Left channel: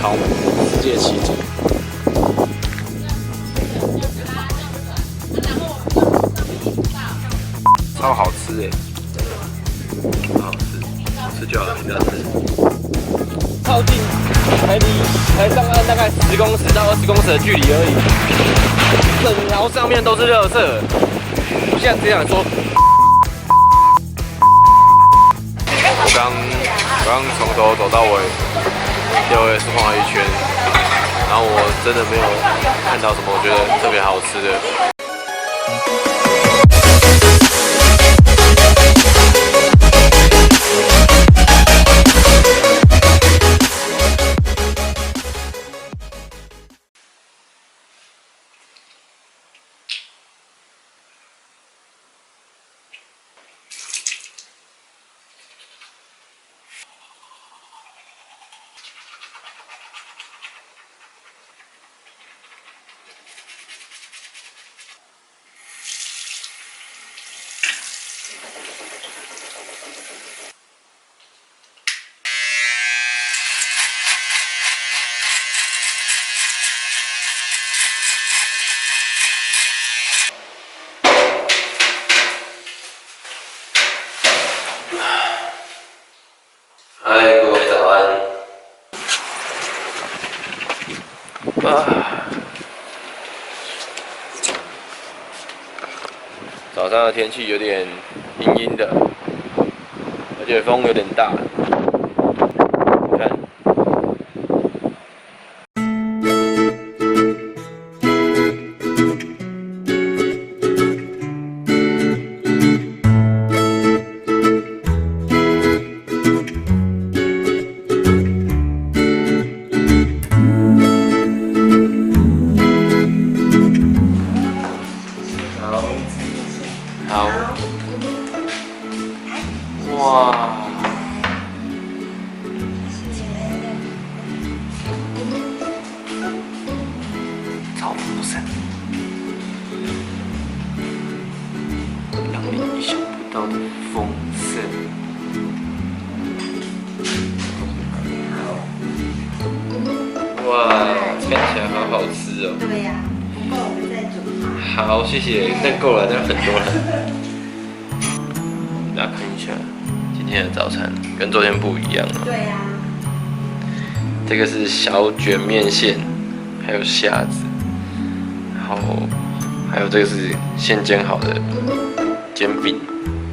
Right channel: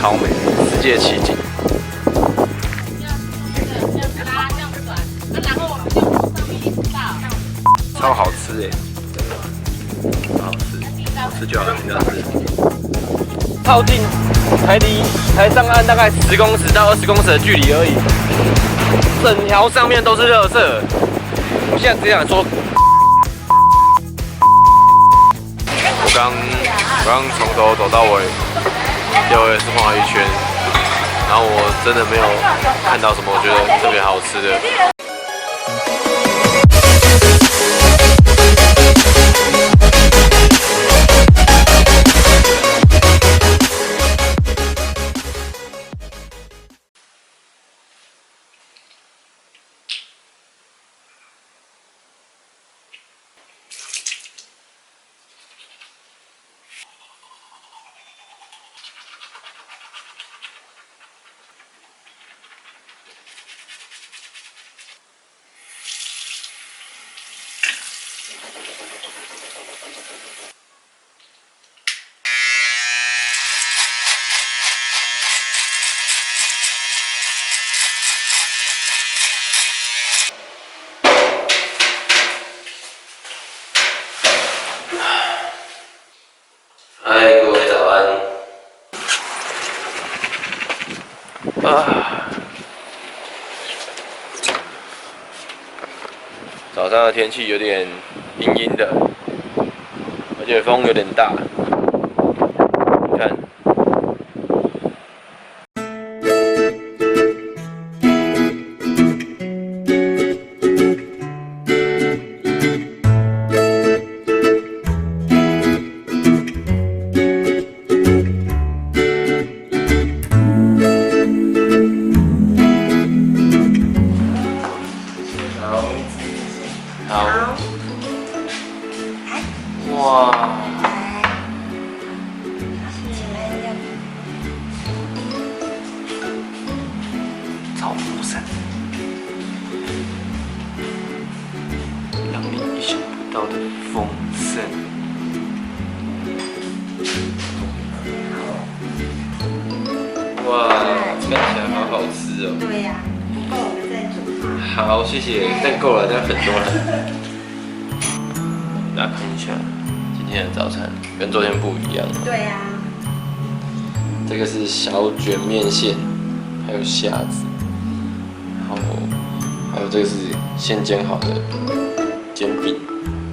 超美，世界奇景，超好吃哎，超好吃，好吃就好了，不要吃。靠近，才上岸大概10公尺到20公尺的距离而已，整条上面都是垃圾。我现在只想说，我刚从头走到尾，6S晃了一圈，然后我真的没有看到什么我觉得特别好吃的。嗨，各位早安。早上的天气有点阴阴的，而且风有点大。你看。好，哇，超丰盛，让你意想不到的丰盛。哇，看起来好好吃哦。对呀，不够我们再煮。好，谢谢，但够了，这样很多了。大家看一下今天的早餐，跟昨天不一样了。对呀。这个是小卷面线，还有虾子，然后还有这个是现煎好的煎饼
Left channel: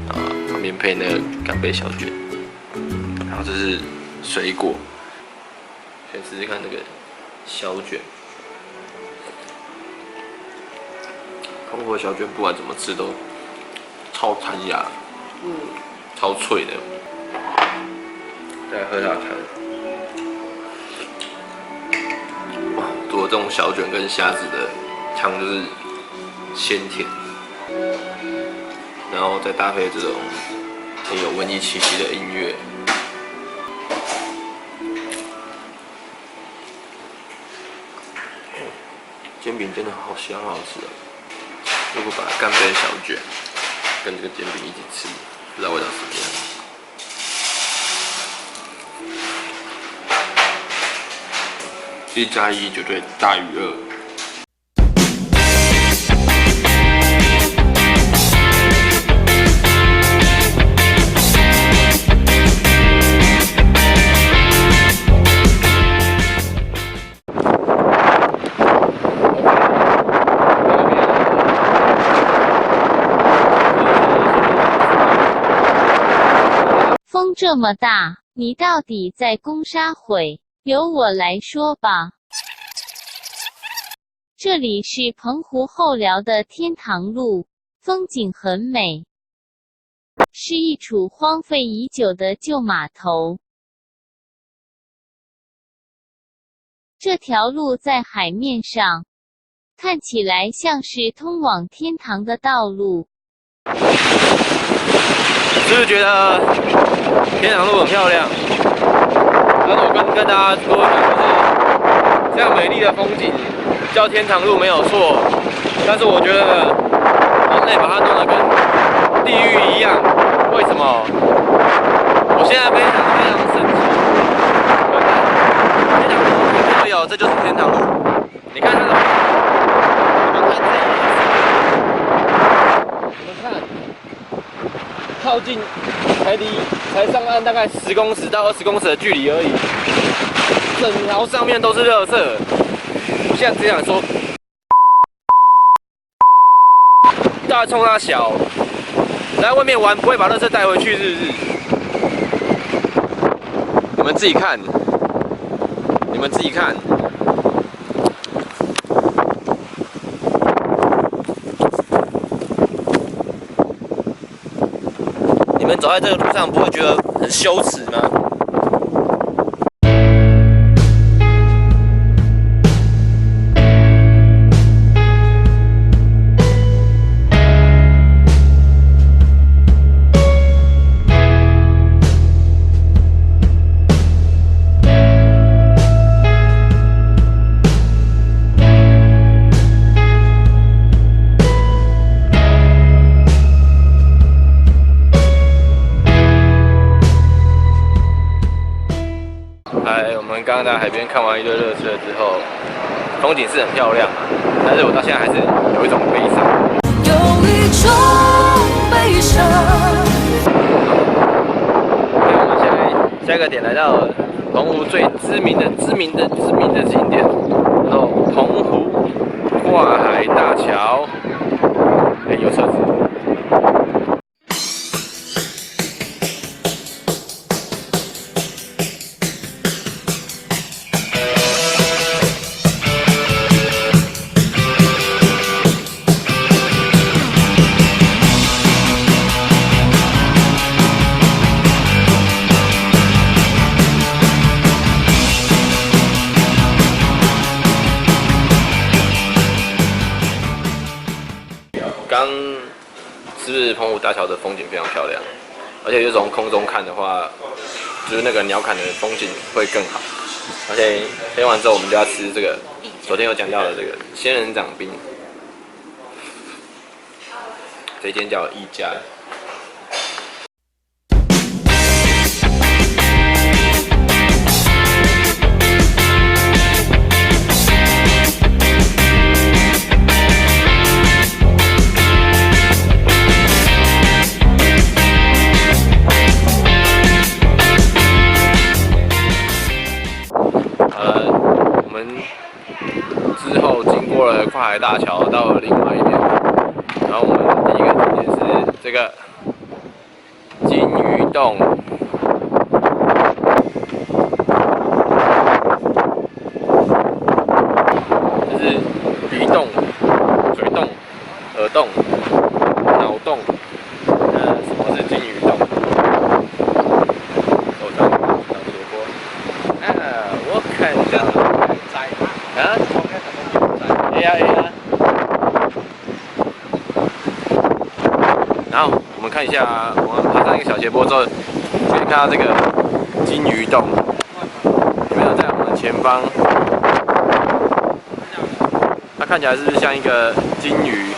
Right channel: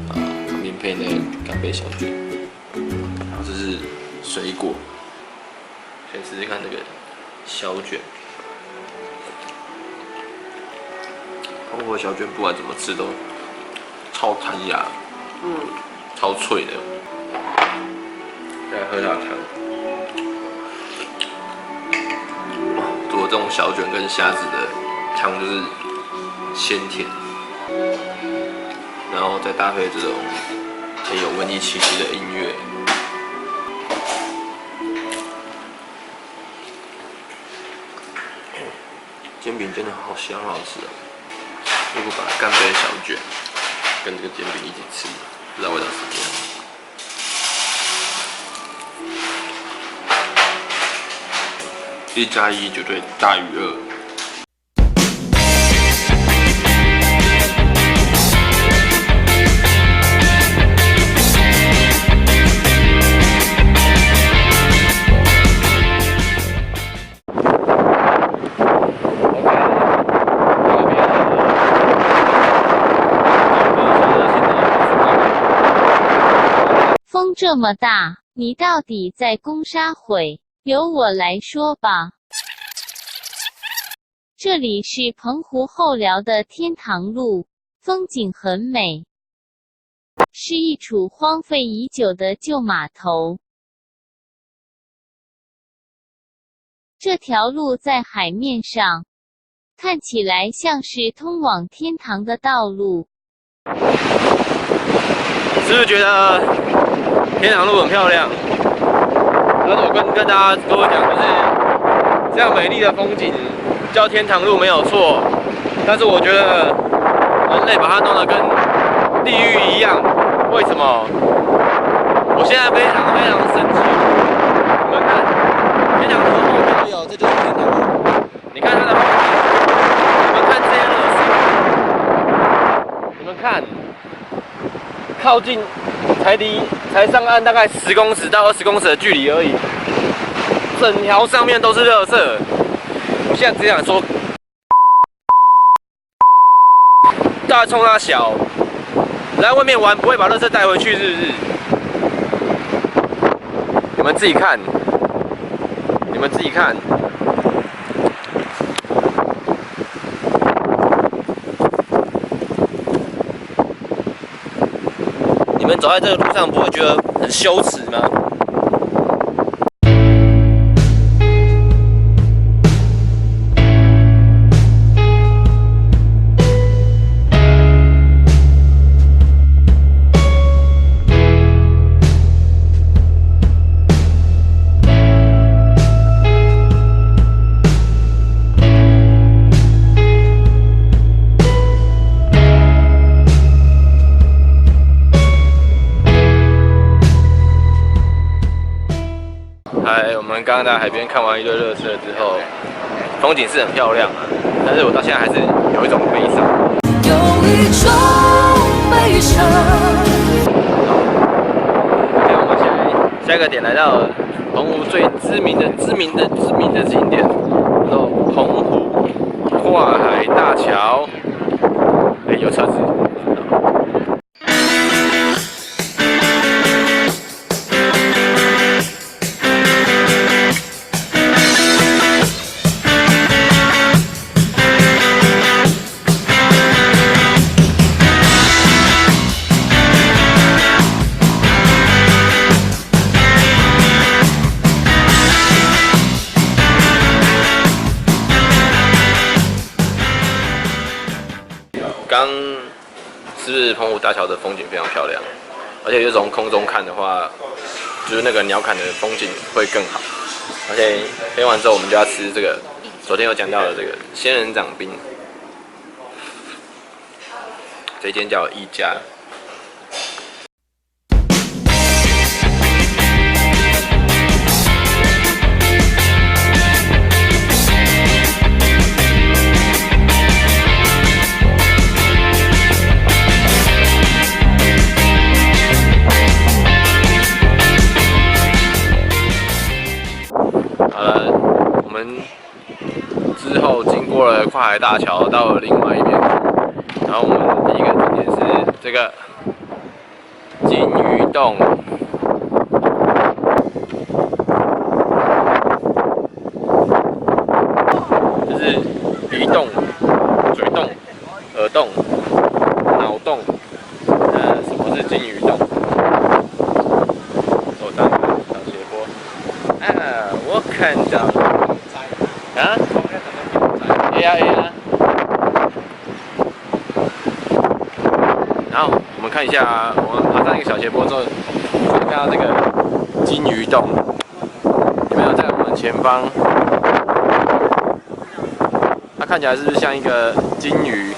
啊，旁边配那个干贝小卷，然后这是水果。先试试看这个小卷。通过小卷不管怎么吃都超弹牙，超脆的。再来喝它汤，哇，做这种小卷跟虾子的汤就是鲜甜，然后再搭配这种很有文艺气息的音乐。煎饼真的好香好吃哦！如果把干贝小卷跟这个煎饼一起吃，不知道味道怎么样。1+1绝对大于2。风这么大，你到底在攻啥毁？由我来说吧。这里是澎湖后寮的天堂路，风景很美，是一处荒废已久的旧码头。这条路在海面上，看起来像是通往天堂的道路。是不是觉得天堂路很漂亮？但是我跟大家多讲，就是这样美丽的风景叫天堂路没有错，但是我觉得人类把它弄得跟地狱一样，为什么？我现在非常非常生气。你们看，天堂路的后岸，靠近才上岸大概10公尺到20公尺的距离而已，整条上面都是垃圾。我现在只想说，大冲他小，来外面玩不会把垃圾带回去是不是？你们自己看，你们自己看。你们走在这个路上不会觉得很羞耻吗？我们刚刚在海边看完一堆热车之后，风景是很漂亮啊，但是我到现在还是有一种悲伤。有一种悲伤。OK， 我们现在下一个点来到澎湖最知名的景点，叫做澎湖跨海大桥。有车子。刚是不是澎湖大桥的风景非常漂亮，而且就从空中看的话，就是那个鸟瞰的风景会更好。而且飞完之后，我们就要吃这个昨天有讲到的这个仙人掌冰，这间叫一家。之后经过了跨海大桥，到了另外一边，然后我们第一个景点是这个金鱼洞。这是鼻洞、嘴洞、耳洞、脑洞。那什么是金鱼洞？手上有小斜坡。啊，我看到了。啊？A 啊 A 啊。然后我们看一下，我们爬上一个小斜坡之后，可以看到这个金鱼洞，有没有在我们前方？它看起来是不是像一个金鱼？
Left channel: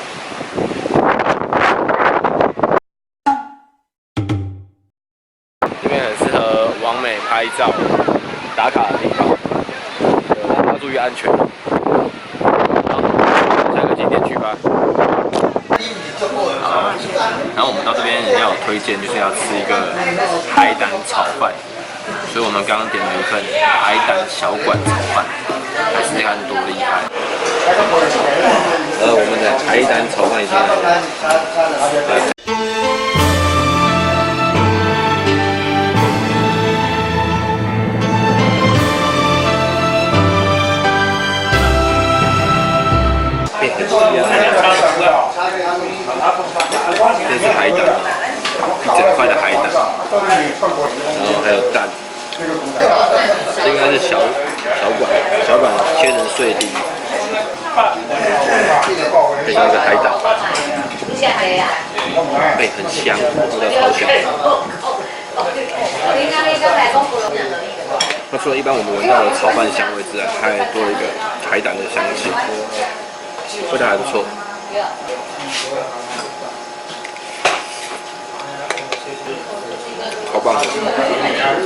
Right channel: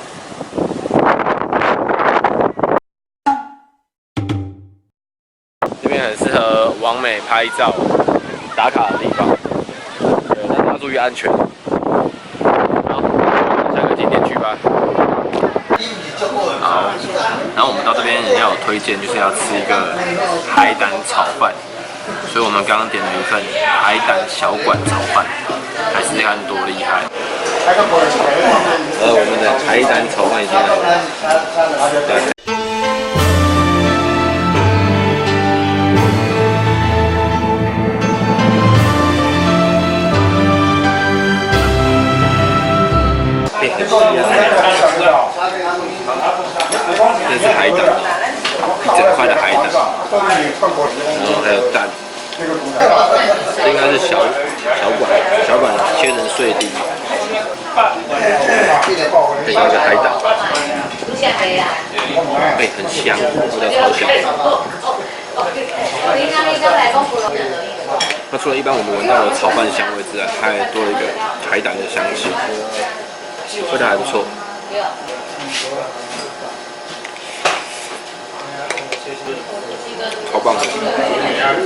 这边很适合网美拍照、打卡的地方，但是要注意安全。好，下个景点去吧。好，然后我们到这边要有推荐，就是要吃一个海胆炒饭，所以我们刚刚点了一份海胆小馆炒饭，来试试看多厉害。我们的海胆炒饭已经来了。这是海胆，一整块的海胆，然后还有蛋，这应该是小管切成碎丁，配上一个海胆，很香，味道超香。那除了一般我们闻到的炒饭香味之外，它还多了一个海胆的香气，味道还不错。超棒的，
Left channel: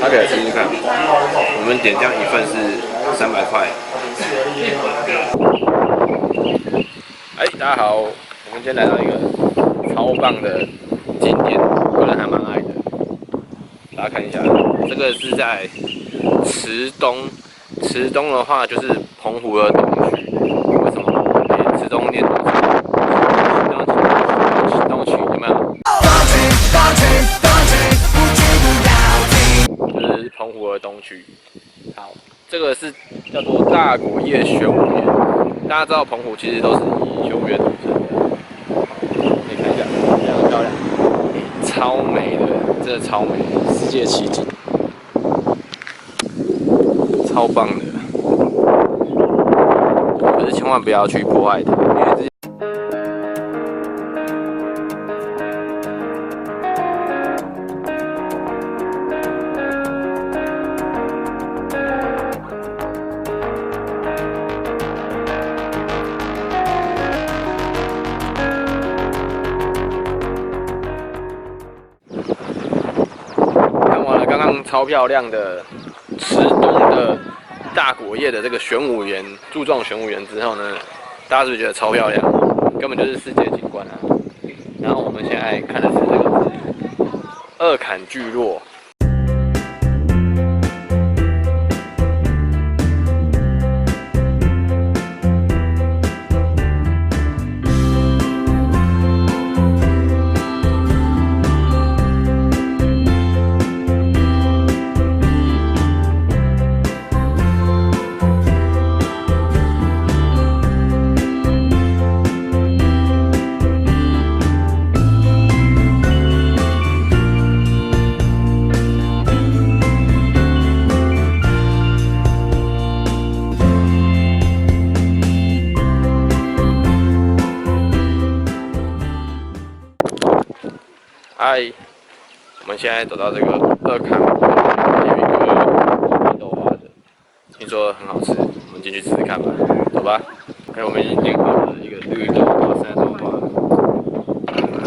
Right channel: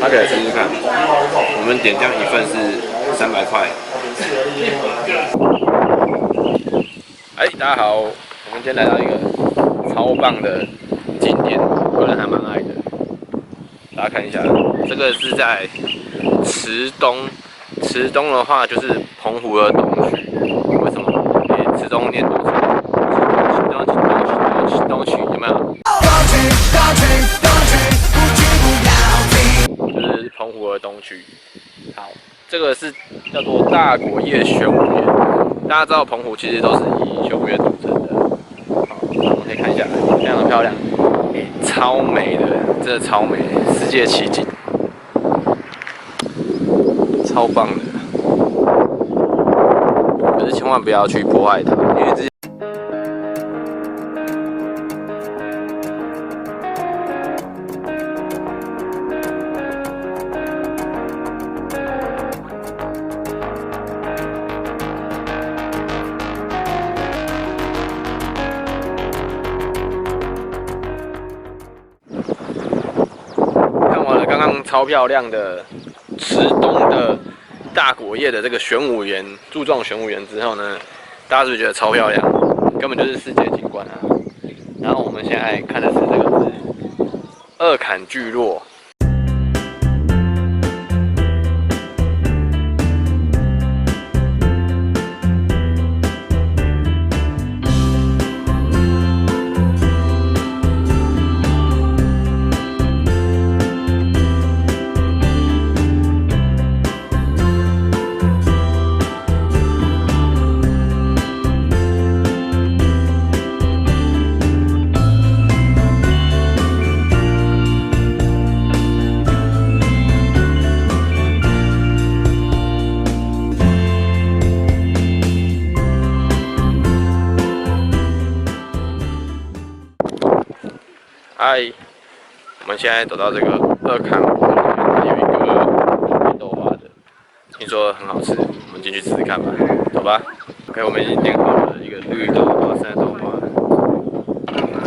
大家可以试试看。我们点这样一份是300块。大家好，我们今天来到一个超棒的景点，个人还蛮爱的。大家看一下，这个是在池东。池东的话就是澎湖的东区。为什么？池东念多少？东区有没有？就是澎湖的东区。好，这个是叫做大果叶玄武岩。大家知道澎湖其实都是以玄武岩组成的。好，我们可以看一下，非常的漂亮，超美的，真的超美，世界奇景，超棒的。可是千万不要去破坏它，因为之前。完了刚刚超漂亮的池东的大果叶的这个玄武岩柱状玄武岩之后呢，大家是不是觉得超漂亮？根本就是世界景观啊！然后我们现在看的是这个是二坎聚落。嗨，我们现在走到这个二坎坡，有一个绿豆花的，听说很好吃，我们进去吃吃看吧，走吧。OK， 我们已经点好了一个绿豆花、山豆花，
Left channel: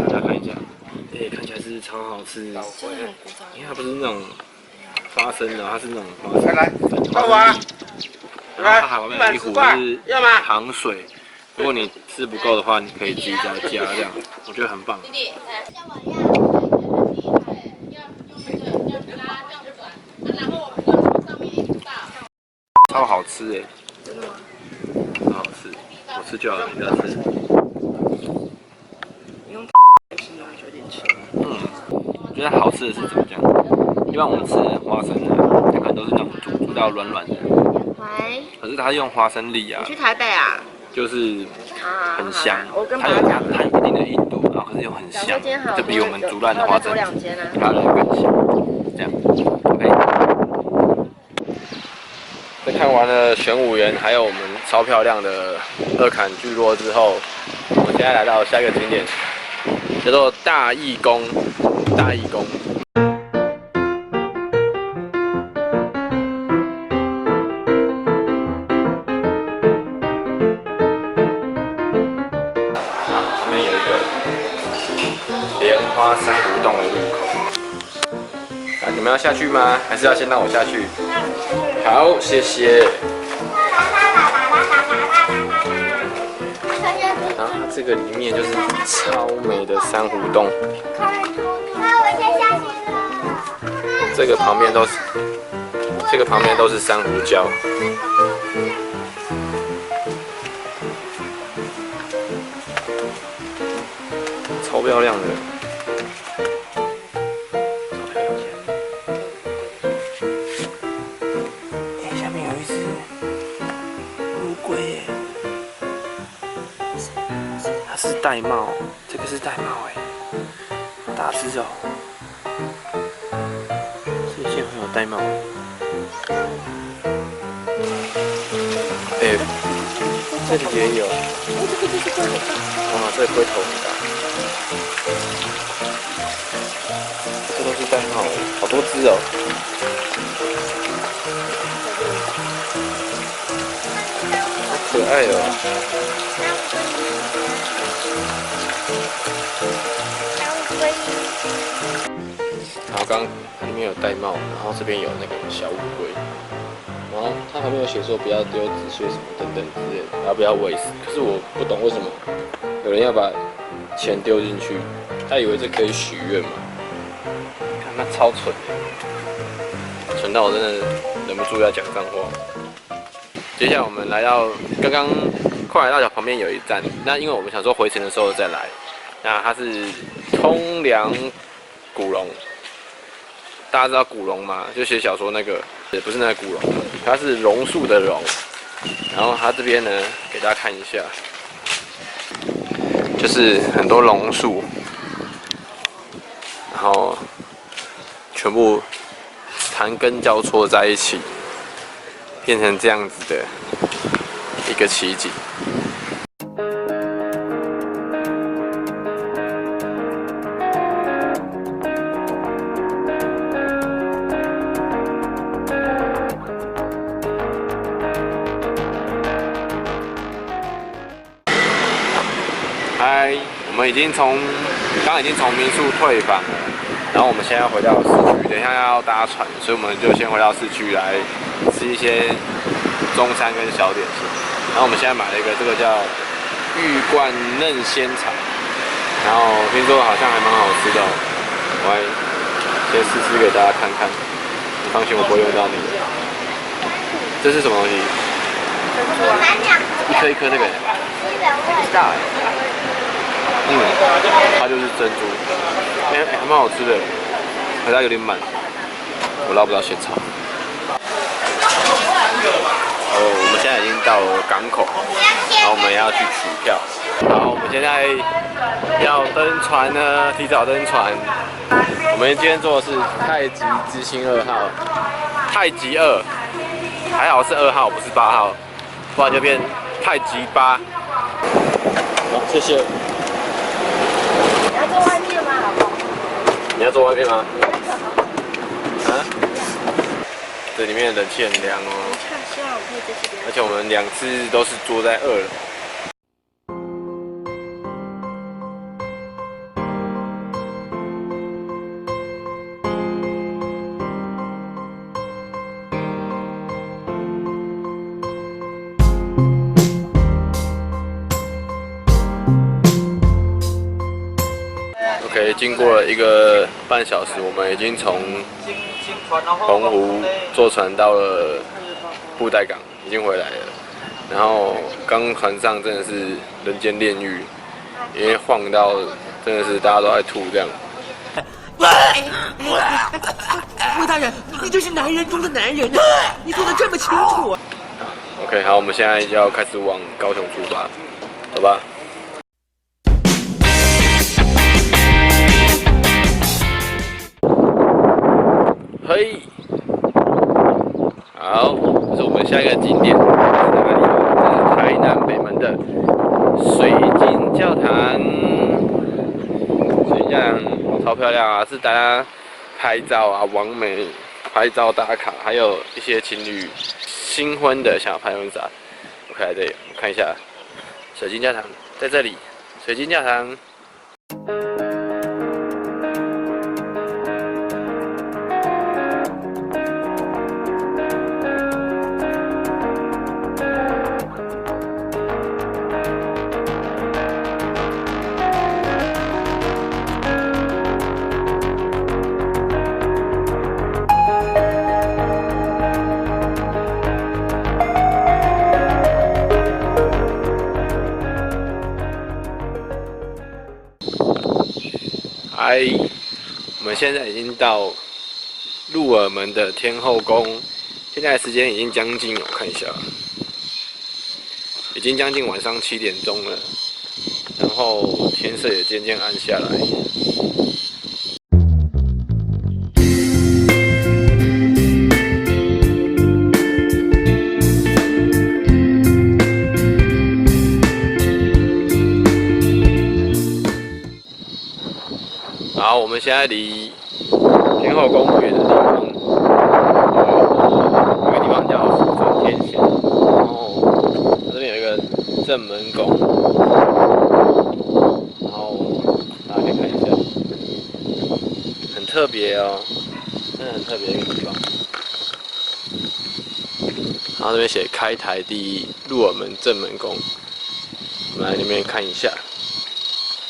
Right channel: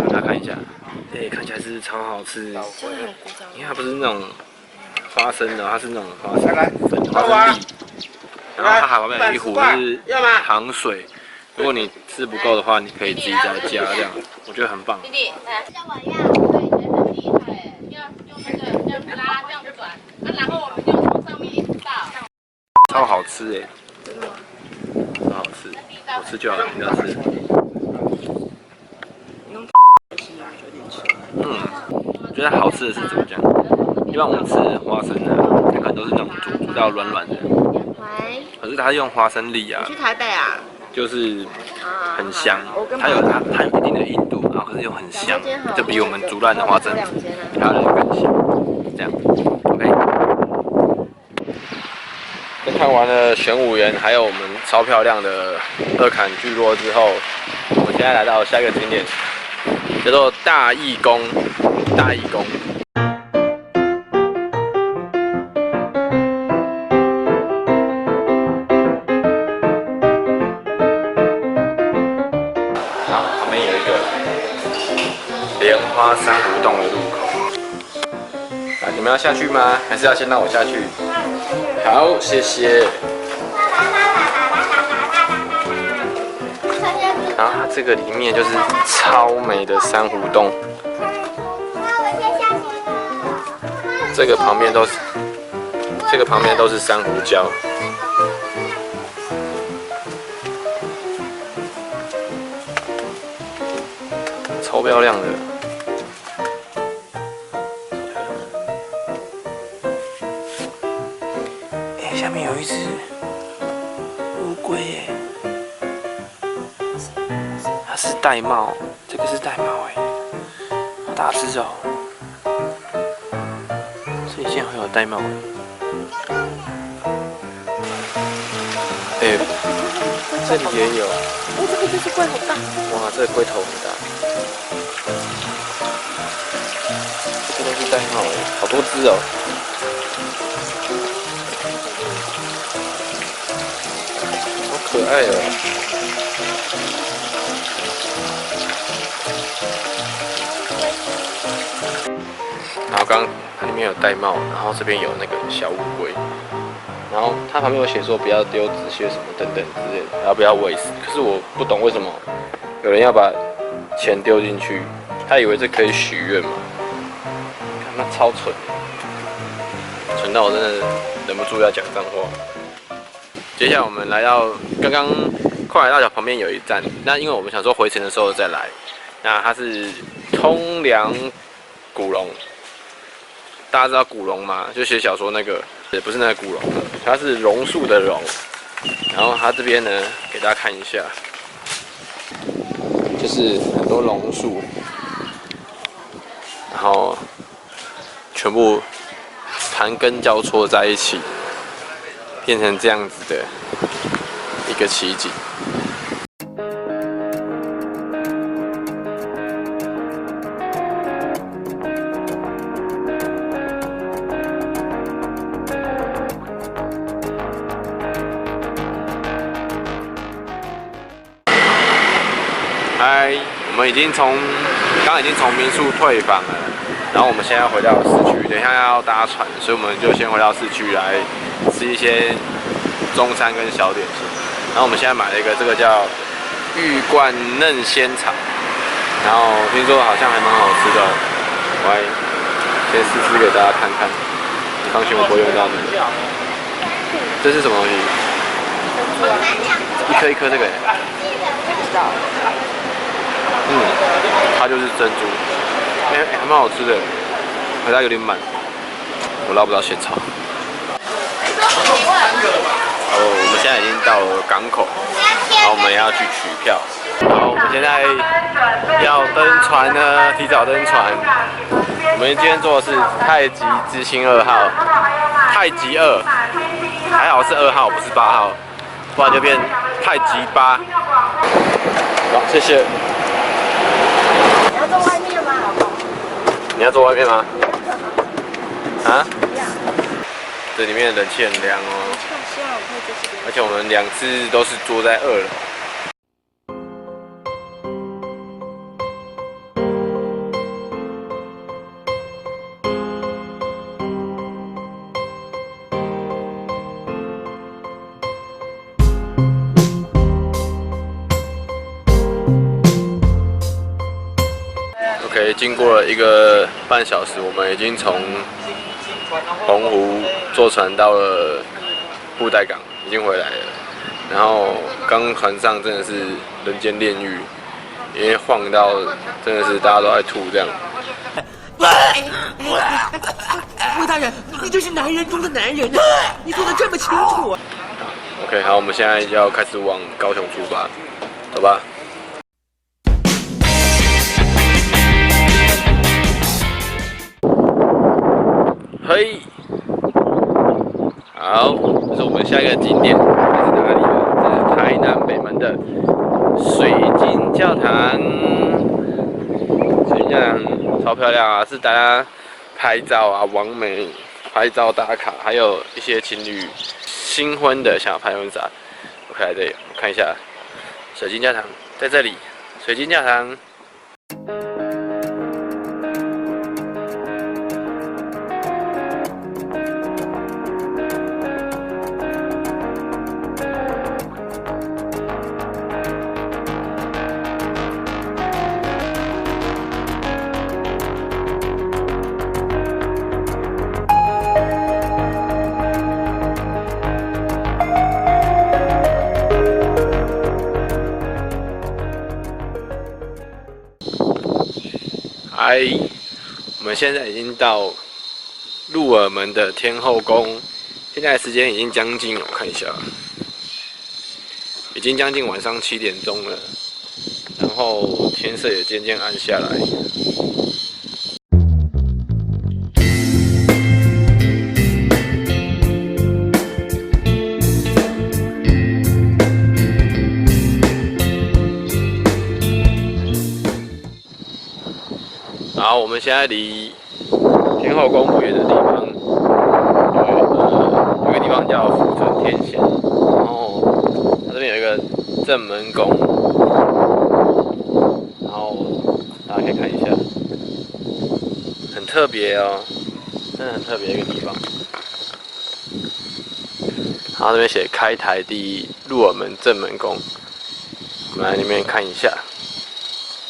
大家看一下，看起来是超好吃，因为它不是那种花生的，它是那种花生粉、花生粒，然后它旁边有一壶是糖水。如果你吃不够的话，你可以自己再加，这样我觉得很棒。超好吃哎！真的吗？超好吃，我吃就好了，你不要吃。我觉得好吃的是怎么讲？一般我们吃花生啊，它可能都是那种煮到软软的。喂。可是它用花生粒啊。你去台北啊？就是很香，它有一定的硬度，然后可是又很香，就比我们煮烂的花生还要来得更香。这样 ，OK。在看完了玄武岩，还有我们超漂亮的二坎聚落之后，我们现在来到下一个景点，叫做大义宫。大义宫。旁边有一个莲花珊瑚洞的入口。你们要下去吗？还是要先让我下去？好，谢谢。然后它这个里面就是超美的珊瑚洞。这个旁边都是珊瑚礁。超漂亮的，下面有一只乌龟耶，它是玳瑁，这个是玳瑁哎，好大只哦，所以竟然会有玳瑁哎，这里也有，这个就是龟好大，哇，这个龟头很大。这都是玳瑁哎，好多只哦。好可爱哦。然后刚它里面有玳瑁，然后这边有那个小乌龟，然后它旁边有写说不要丢纸屑什么等等之类的，然后不要喂食。可是我不懂为什么有人要把钱丢进去。他以为这可以许愿嘛？看他超蠢的，蠢到我真的忍不住要讲脏话。接下来我们来到刚刚快来大桥旁边有一站，那因为我们想说回程的时候再来，那它是通梁古龙，大家知道古龙吗？就写小说那个，也不是那个古龙，它是榕树的榕。然后它这边呢，给大家看一下，就是很多榕树，然后全部盘根交错在一起，变成这样子的一个奇景。嗨，我们刚刚已经从民宿退房了，然后我们现在要回到市区，等一下要搭船，所以我们就先回到市区来吃一些中餐跟小点心。然后我们现在买了一个这个叫玉冠嫩仙草，然后听说好像还蛮好吃的哦，我来先试吃给大家看看。你放心，我不会用到你的。这是什么东西？一颗一颗那个。不知道。它就是珍珠，还蛮好吃的，可是它有点满，我捞不到仙草。我们现在已经到了港口，然后我们要去取票。好，我们现在要登船呢，提早登船。我们今天坐的是太极之星2号，太极2，还好是2号，不是8号，不然就变太极8。好，谢谢。你要坐外面吗？啊？这里面的冷气很凉哦。而且我们2次都是坐在2楼。OK， 经过了1个半小时，我们已经从澎湖坐船到了布袋港，已经回来了。然后刚船上真的是人间炼狱，因为晃到真的是大家都在吐这样。魏大人，你这是男人中的男人啊！你说的这么清楚。OK， 好，我们现在要开始往高雄出发，走吧。嘿，好，这是我们下一个景点，这是哪里呢？这是台南北门的水晶教堂。水晶教堂超漂亮啊，是大家拍照啊、网美拍照打卡，还有一些情侣新婚的想要拍婚纱。OK， 来这里，我看一下，水晶教堂在这里，水晶教堂。我们现在已经到鹿耳门的天后宫，现在时间已经将近，我看一下，已经将近晚上7点钟了，然后天色也渐渐暗下来。然后我们现在离天后宫不远的地方，有个地方叫福村天贤，然后它这边有一个正门宫，然后大家可以看一下，很特别哦，真的很特别一个地方。然后这边写开台第一鹿耳门正门宫，我们来里面看一下。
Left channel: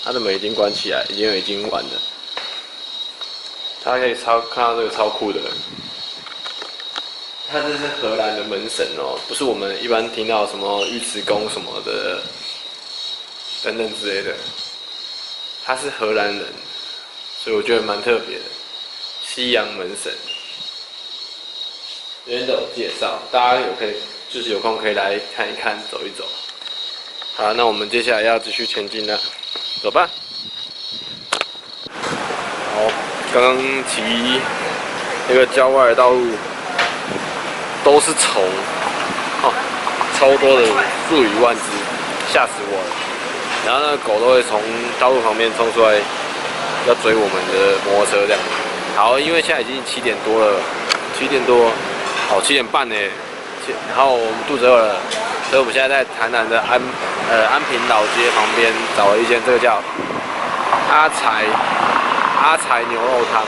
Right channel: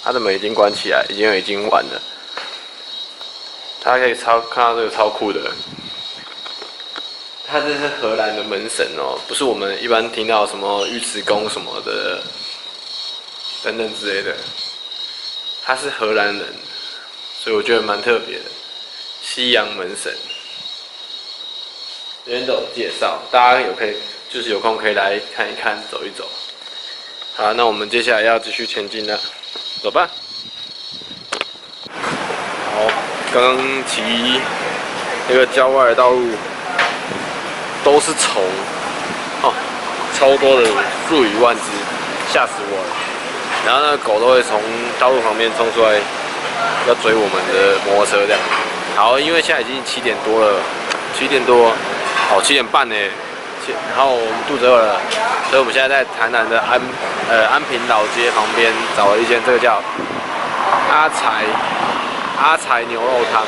它它的门已经关起来，已经完了。大家可以看到这个超酷的，它这是荷兰的门神哦，不是我们一般听到什么尉迟宫什么的等等之类的，他是荷兰人，所以我觉得蛮特别的。西洋门神，这边都有介绍，大家就是有空可以来看一看，走一走。好，那我们接下来要继续前进了，走吧。好，刚刚骑那个郊外的道路都是虫，哦，超多的，数以万只，吓死我了。然后那个狗都会从道路旁边冲出来，要追我们的摩托车这样。好，因为现在已经7点多了，7点多，哦7点半呢，然后我们肚子饿了，所以我们现在在台南的安平老街旁边找了一间，这个叫阿财牛肉汤，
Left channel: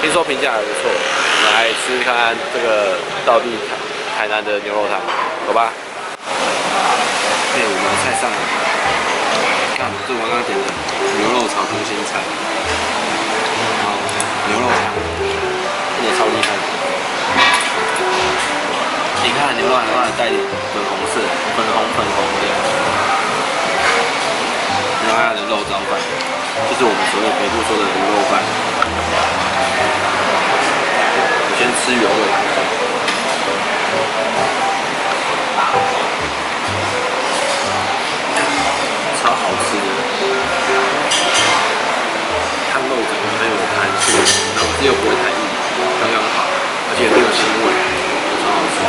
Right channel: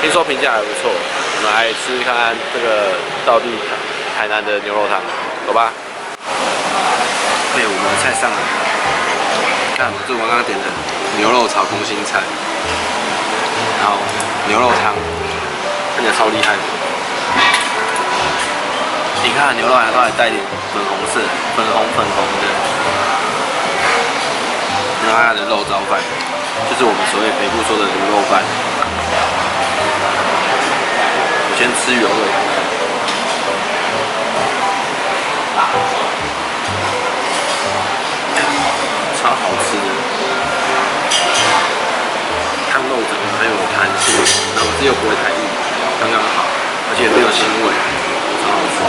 听说评价还不错，我们来吃看看这个道地台南的牛肉汤，走吧。对，我们的菜上了，看这我刚刚点的牛肉炒空心菜，然后牛肉汤，看起来超厉害的。你看牛肉还带点粉红色，粉红的。然后它的肉燥饭，就是我们所谓北部说的卤肉饭。我先吃原味，超好吃的。汤肉整个很有弹性，然后又不会太硬，刚刚好，而且没有腥味，超好吃的。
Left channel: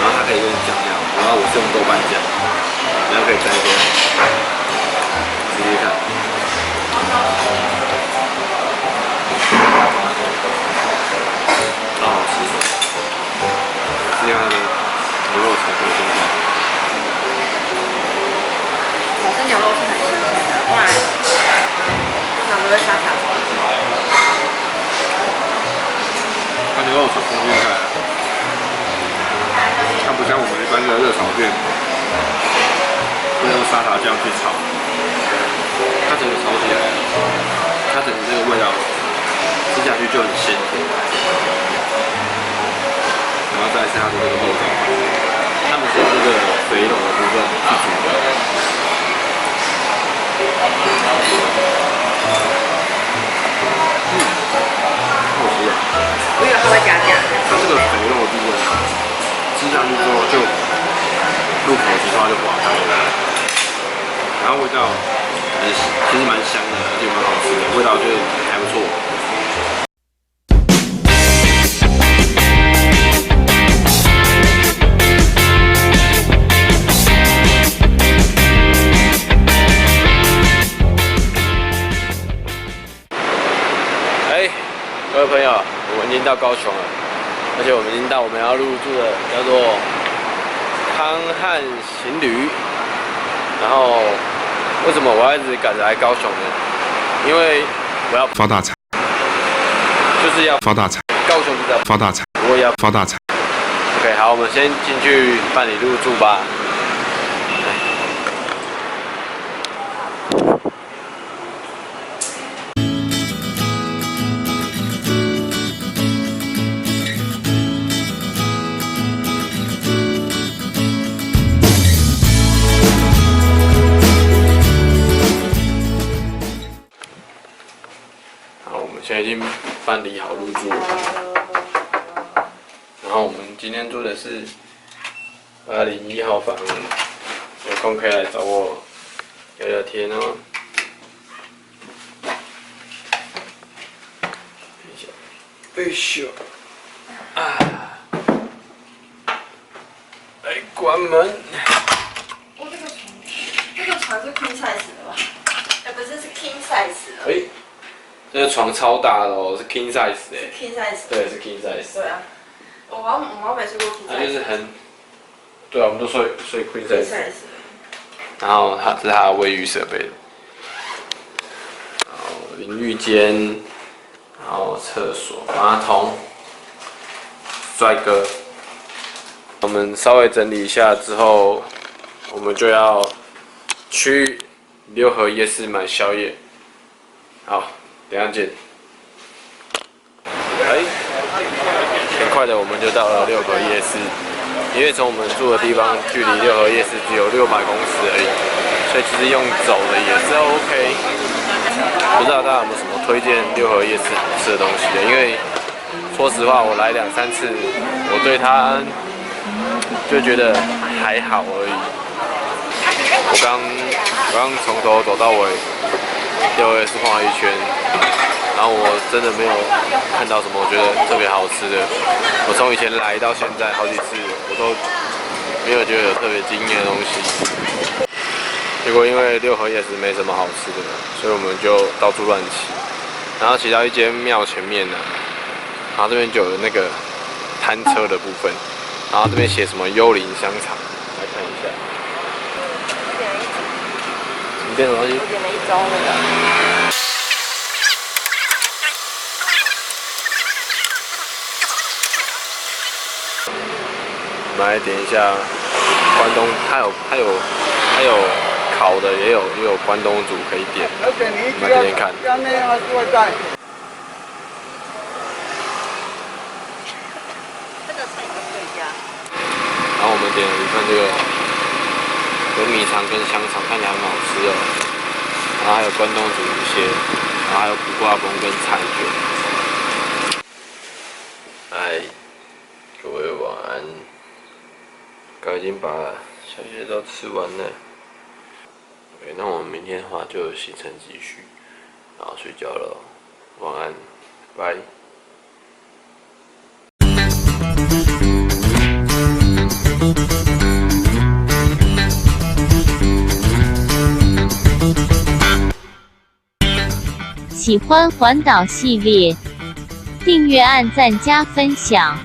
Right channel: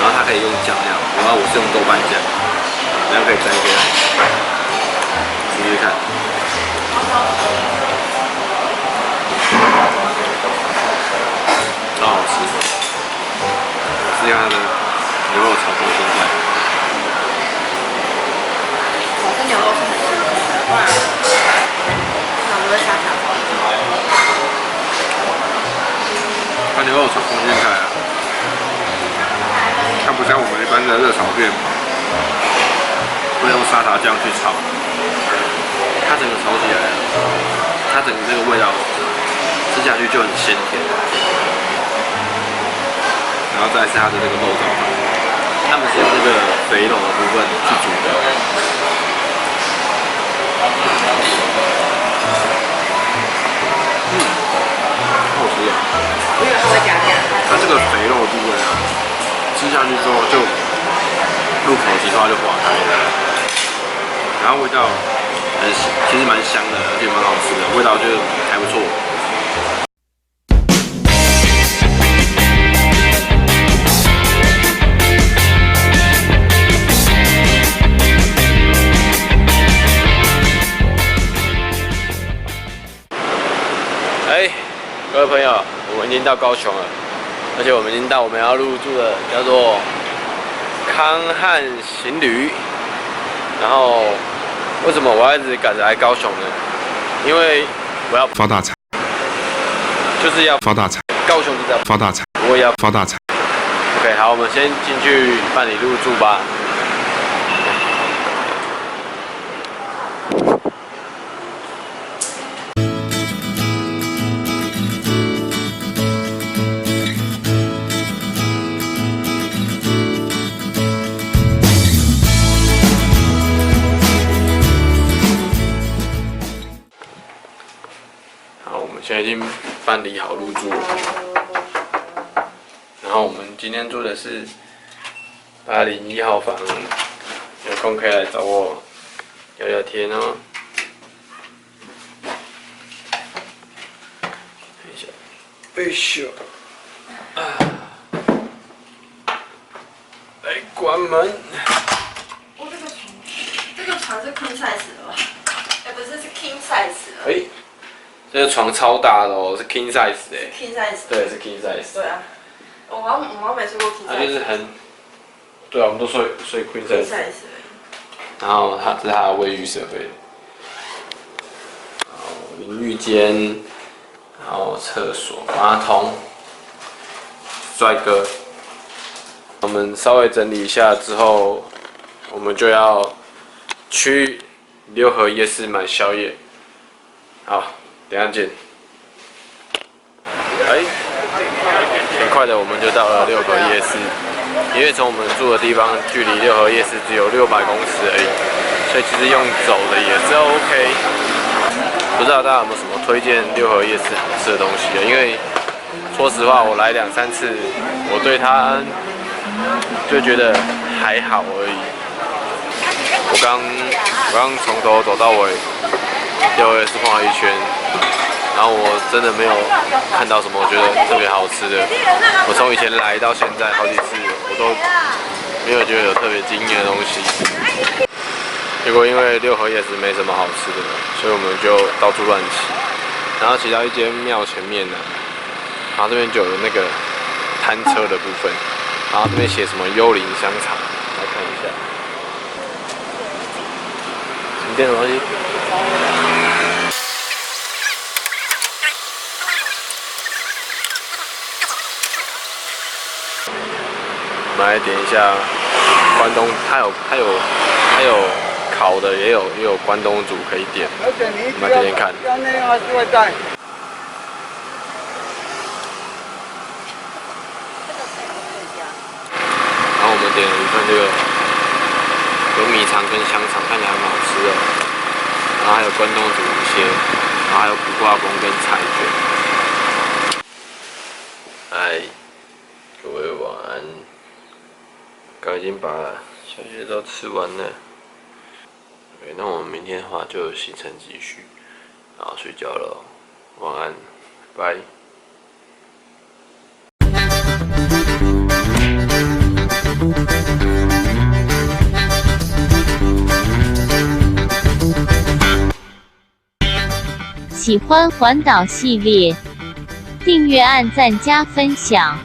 然后它可以用酱料，然后我是用豆瓣酱，然后可以沾一些来试试看。超好吃，试一下它的牛肉炒空心菜。这牛肉是很新鲜的，不然通常都会沙沙包。它牛肉炒空心菜啊，它不像我们一般的热炒店会用沙茶酱去炒，它整个炒起来了，它整个这个味道吃下去就很鲜甜。然后再是它的这个肉燥饭，他们是用这个肥肉的部分去煮的。好吃啊！我以为它会加酱。它这个肥肉的部分啊，吃下去之后就入口即化就化开了，然后味道其实蛮香的，而且蛮好吃的，味道就还不错。各位朋友，我们已经到高雄了，而且我们已经到我们要入住的叫做康汉行旅。然后为什么我要一直赶着来高雄呢？因为我要发大财，就是要发大财，高雄就是要发大财，我也要发大财。OK， 好，我们先进去办理入住吧。现在已经办理好入住了，然后我们今天住的是801号房，有空可以来找我聊聊天哦。等一下，哎咻，啊，来关门。哦，这个床是 queen size 的吧？哎，不是，是 king size 的。哎，这个床超大的哦，是 king size 的。king size。对，是 king size。对啊，我好像没睡过 king size。它就是很，对啊，我们都睡 queen size。然后它是它的卫浴设备，然后淋浴间，然后厕所、马桶，帅哥。我们稍微整理一下之后，我们就要去六合夜市买宵夜。好，等一下见。很快的我们就到了六合夜市，因为从我们住的地方距离六合夜市只有600公尺而已，所以其实用走的也是 OK。不知道大家有没有什么推荐六合夜市好吃的东西啊？因为说实话，我来2、3次，我对它就觉得还好而已。我刚从头走到尾，六合夜市晃了一圈。然后我真的没有看到什么我觉得特别好吃的。我从以前来到现在好几次，我都没有觉得有特别惊艳的东西。结果因为六合夜市没什么好吃的，所以我们就到处乱骑。然后骑到一间庙前面呢，然后这边就有那个摊车的部分，然后这边写什么幽灵香肠，来看一下。你点什么东西？我们来点一下关东，它有烤的，也有关东煮可以点。我们来点点看。然后我们点了一份这个有米肠跟香肠，看起来很好吃哦。然后还有关东煮一些，然后还有苦瓜崩跟菜卷。各位晚安。刚已经把宵夜都吃完了。OK， 那我们明天的话就有行程继续，然后睡觉了，晚安，拜。喜欢环岛系列，订阅、按赞、加分享。